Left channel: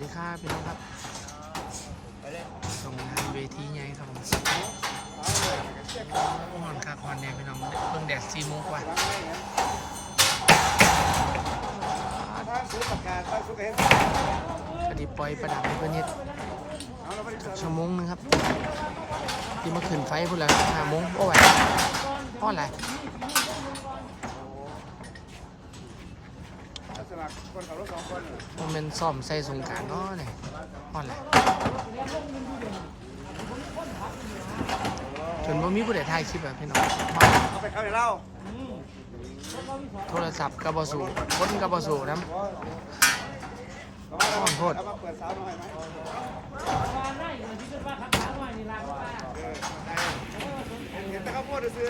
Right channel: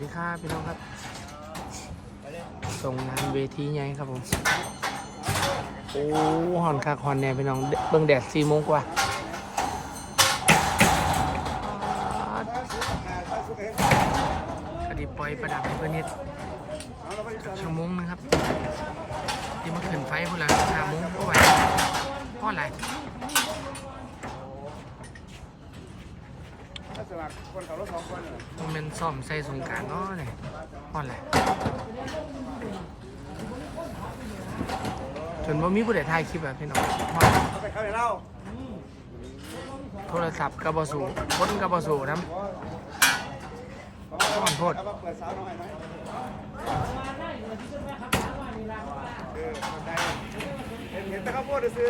ดีครับพี่น้องครับส่งงานเวทีไงครับผม โอ้หอนคักหอนเนี่ยพี่น้องเบิ่งแดดสี่โมงกว่าพอดีปล่อยประดับให้เพื่อนนิดชั่วโมงนึงครับที่มาขึ้นไฟพุ่นละห้าโมงก็ไหวเพราะอะไร สมัครคนขับรถสองคนน่ะมันเป็นซ่อมใส่สงกรารเนาะเนี่ยเพราะอะไรจนว่ามีผู้ใดถ่ายคลิปแบบพี่น้องเพราะอะไรเขาไปเขาไปเล่าโทรศัพท์กับบอสูคนกับบอสูน้เพราะว่าขอโทษ เอามาเปิดสาวหน่อยไหมเออเข้าใจเห็นเห็นแต่ข้าวโพดซื้อ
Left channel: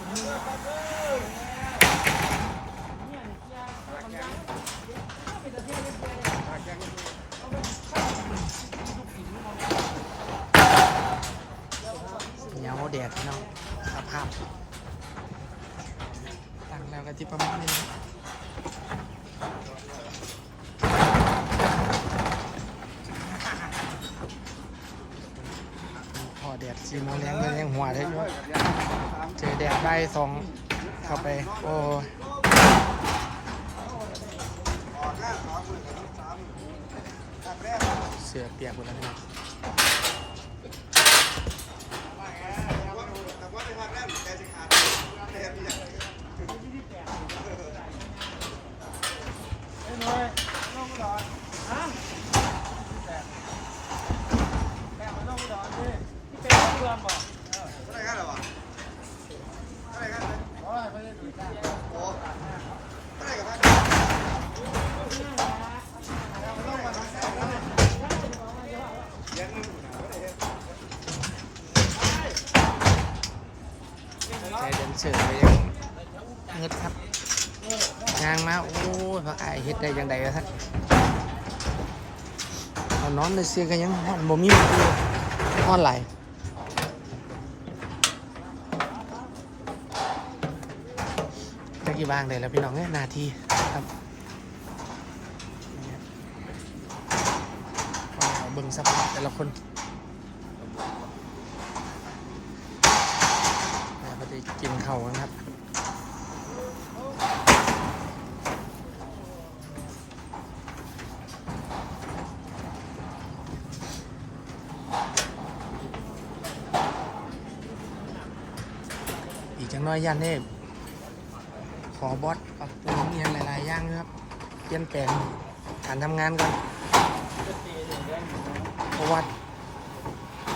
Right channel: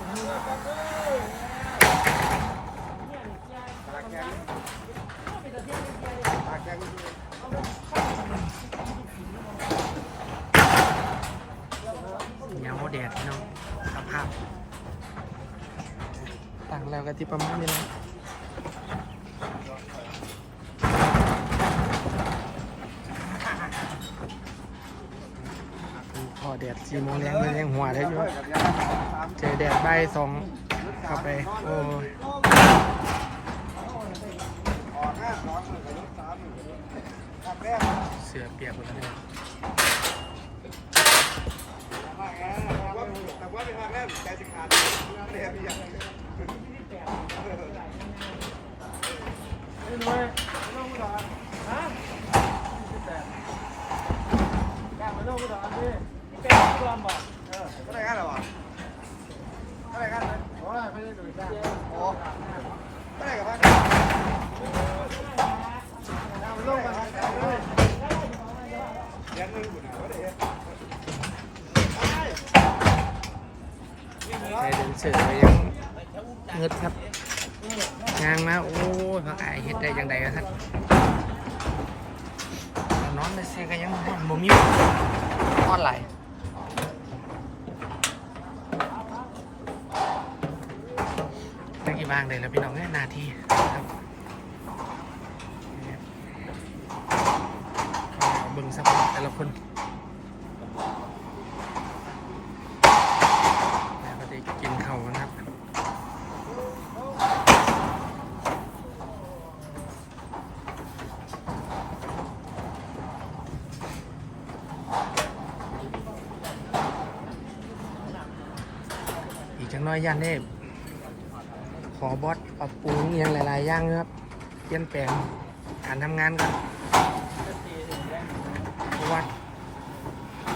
เหนียวแดดพี่น้องสภาพตั้งแล้วก็ที่ประมาณนี้นะ อแดดสี่โมงแรงเลยยังหัวได้อยู่เจอแดดใบสองเข้าไป โอ้เสือเปียกหมดแล้วเนี่ยแปดแปดไปโลกไปดอนดิ ใจเดินเสือยังเงึดครับยางมา โอ้ยพักอายเฮ็ดได้ยังไงวะท่านเอานอนในเสือก็ยังฮ้อนบ่มีฮ้อนไหลายตะกี้ บ้างได้แล้วพี่น้องเอ้ยนาทีครับนี่ครับก็เบิ่งสภาพแต่ละคนแล้วก็ได้กินเข้ากันครับอีกจังน้อยยันเนี่ ขอบอสปรับปรุงอย่างหลายๆอย่างนะครับเปลี่ยนแปลงการทำงานกันเพราะว่า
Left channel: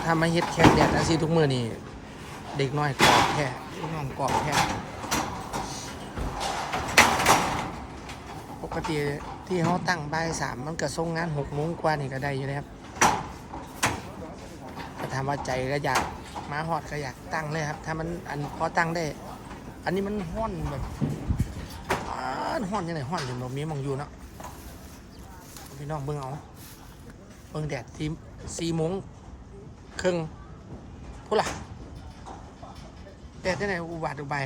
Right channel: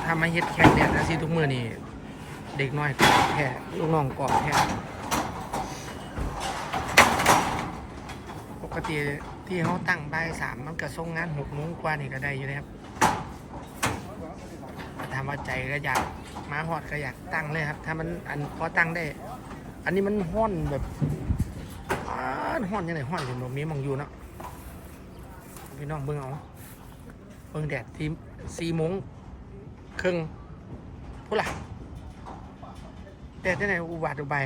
ถ้ามาเฮ็ดแข่งเนี่ยอาชีพทุกมือนี่เด็กน้อยกอบแพ้ลูกน้องกอบแพ้ปกติที่เขาตั้งบ่ายสามมันก็ส่งงานหกโมงกว่านี่ก็ได้อยู่นะครับแต่ถามว่าใจก็อยากมาฮอดก็อยากตั้งเลยครับ ถ้ามันอันพอตั้งได้ อันนี้มันห้อนแบบานห้อนยังไงห้อนถึงแบบนี้มองอยู่เนาะพี่น้องเบิ่งเอาเบิ่งแดดที่สี่โมงครึ่งพูดล่ะแดดที่ไหนอุบาทอุบาย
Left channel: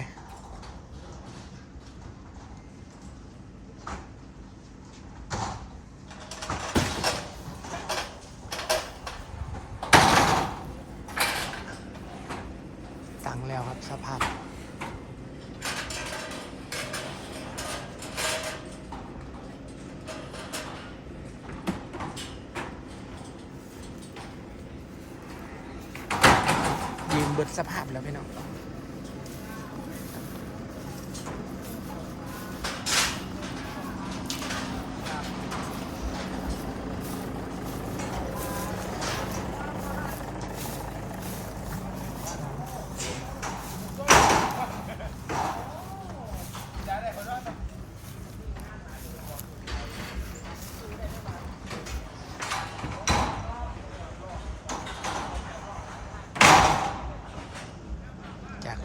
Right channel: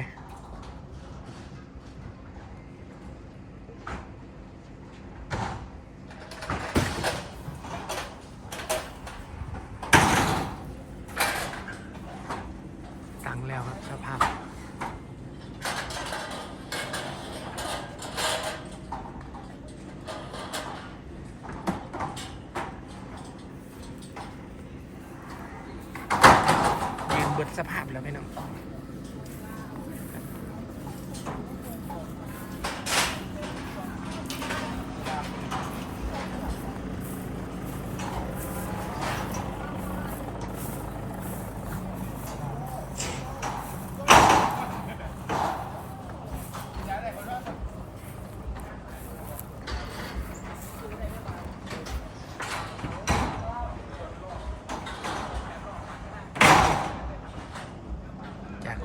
ตังแล้วครับสภาพ บิดสภาพแล้วพี่น้อง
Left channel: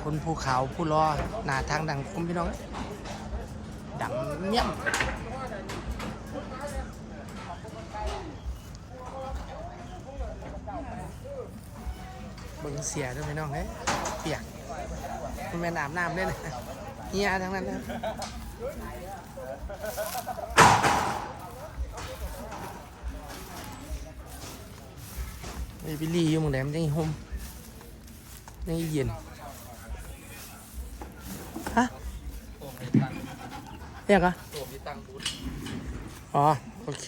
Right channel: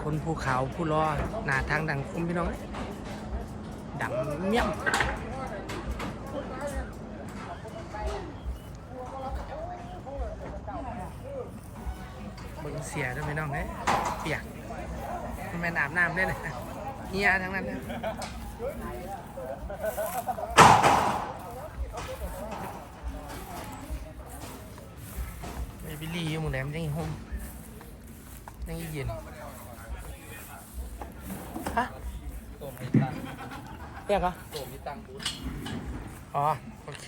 คนภูเขาผู้รอหน้าทางดังคมพี่น้องดังเงี้ยมบึงเสียด้วยพี่น้องเฮ้ยเปียกมันเป็นอาบน้ำได้เลยเฮียทั้งนั้นนะนี่พี่ลี่ยังแหลมยังหุ่มยังเย็น ฮะโตมให้ตั้งเรียกอะโตมให้ตั้งบูธอ๋อ โอเค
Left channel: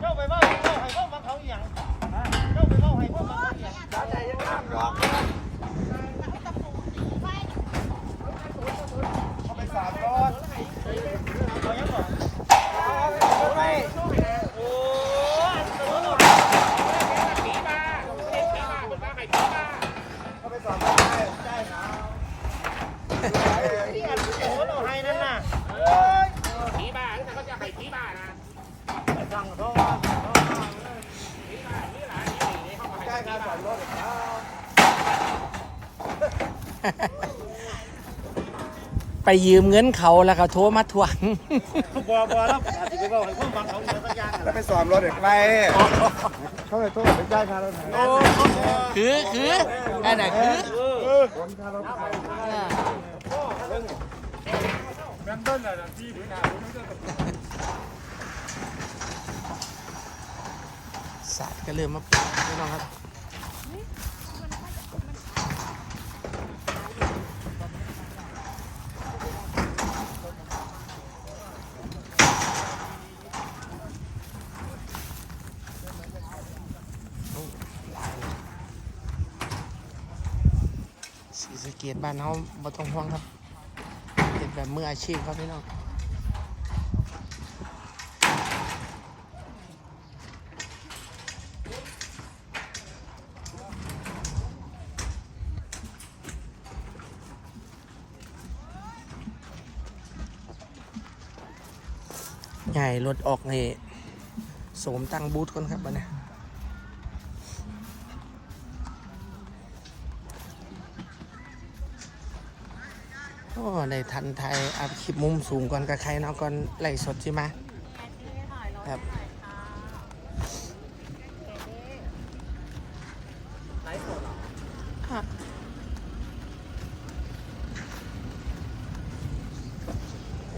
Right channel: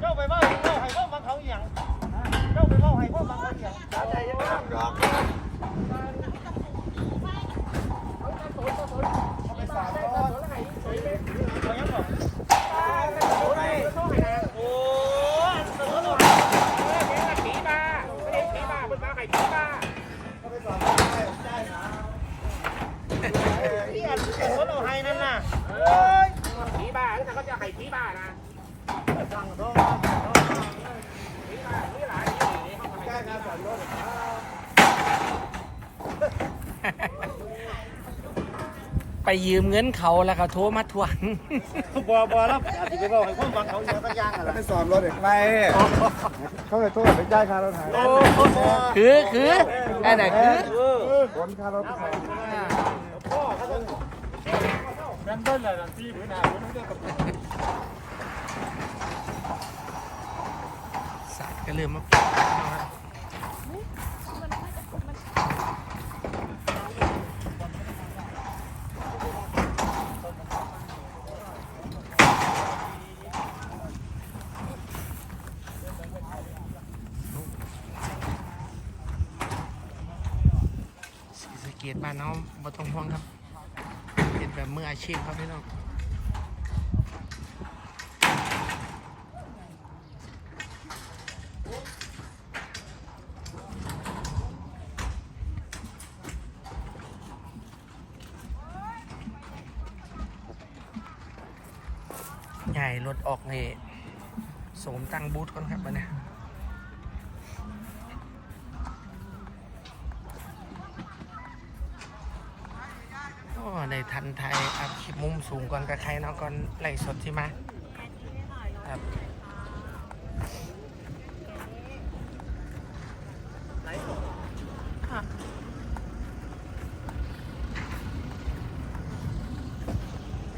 เจ้าไปเว่าเจ้าให้พวกมัน เขาอย่างเจ้าไปเล่าให้พวกมันเขาอหย่างใจยังงามรอกเอาไปสามร้อยเอายังบอกโอ้ยผีบ้าไม่เห็นผีบ้าเป็นบ้าไข่ผีบ้าเอาไปสามร้อยใจหนาวนี่อันโอ้เราให้นั่นน่ะเอ้ย ผีบ้าแล้วแต่ก็จะให้ผีบ้านะ สั่งโทษ ผีบ้านี่หลานนี่นี่เขาให้ ใกล้การสอนรถ ไปยืมเงินเขาแล้วเขาโทรมาทวงบัวบัวแล้วอาจจะไปบอกให้พวกบังเขาเยอะก็ย่างอะไรแล้วไปสอบรถเด็กไรเขาเลยโทษไปจ่ายค่ารถไถโอ้คือคืออันไหนคือผลค่ารถไปใส่อ่าสัตว์ก็เริ่มมาปลูกพี่น้องครับ สีสเกตบ้านเขาบ่ต้องห่วงครับเป็นแบบมืออาชีพครับพี่น้อง ใหญ่รถออกนี่สมตั้งบูธก่อนครับบัดนี้โอ้ในทันไทยอัพคลิปมุมสูงก่อนกับใครเนาะก่อนไล่สดใช่ไหมครับ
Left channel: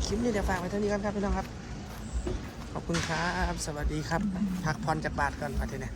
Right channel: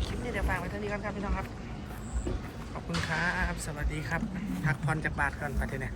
คลิปนี้เดี๋ยวฝากไว้เท่านี้ก่อนครับพี่น้องครับ คุณครับ สวัสดีครับ พักผ่อนจากบาทก่อนไปเถอะเนี่ย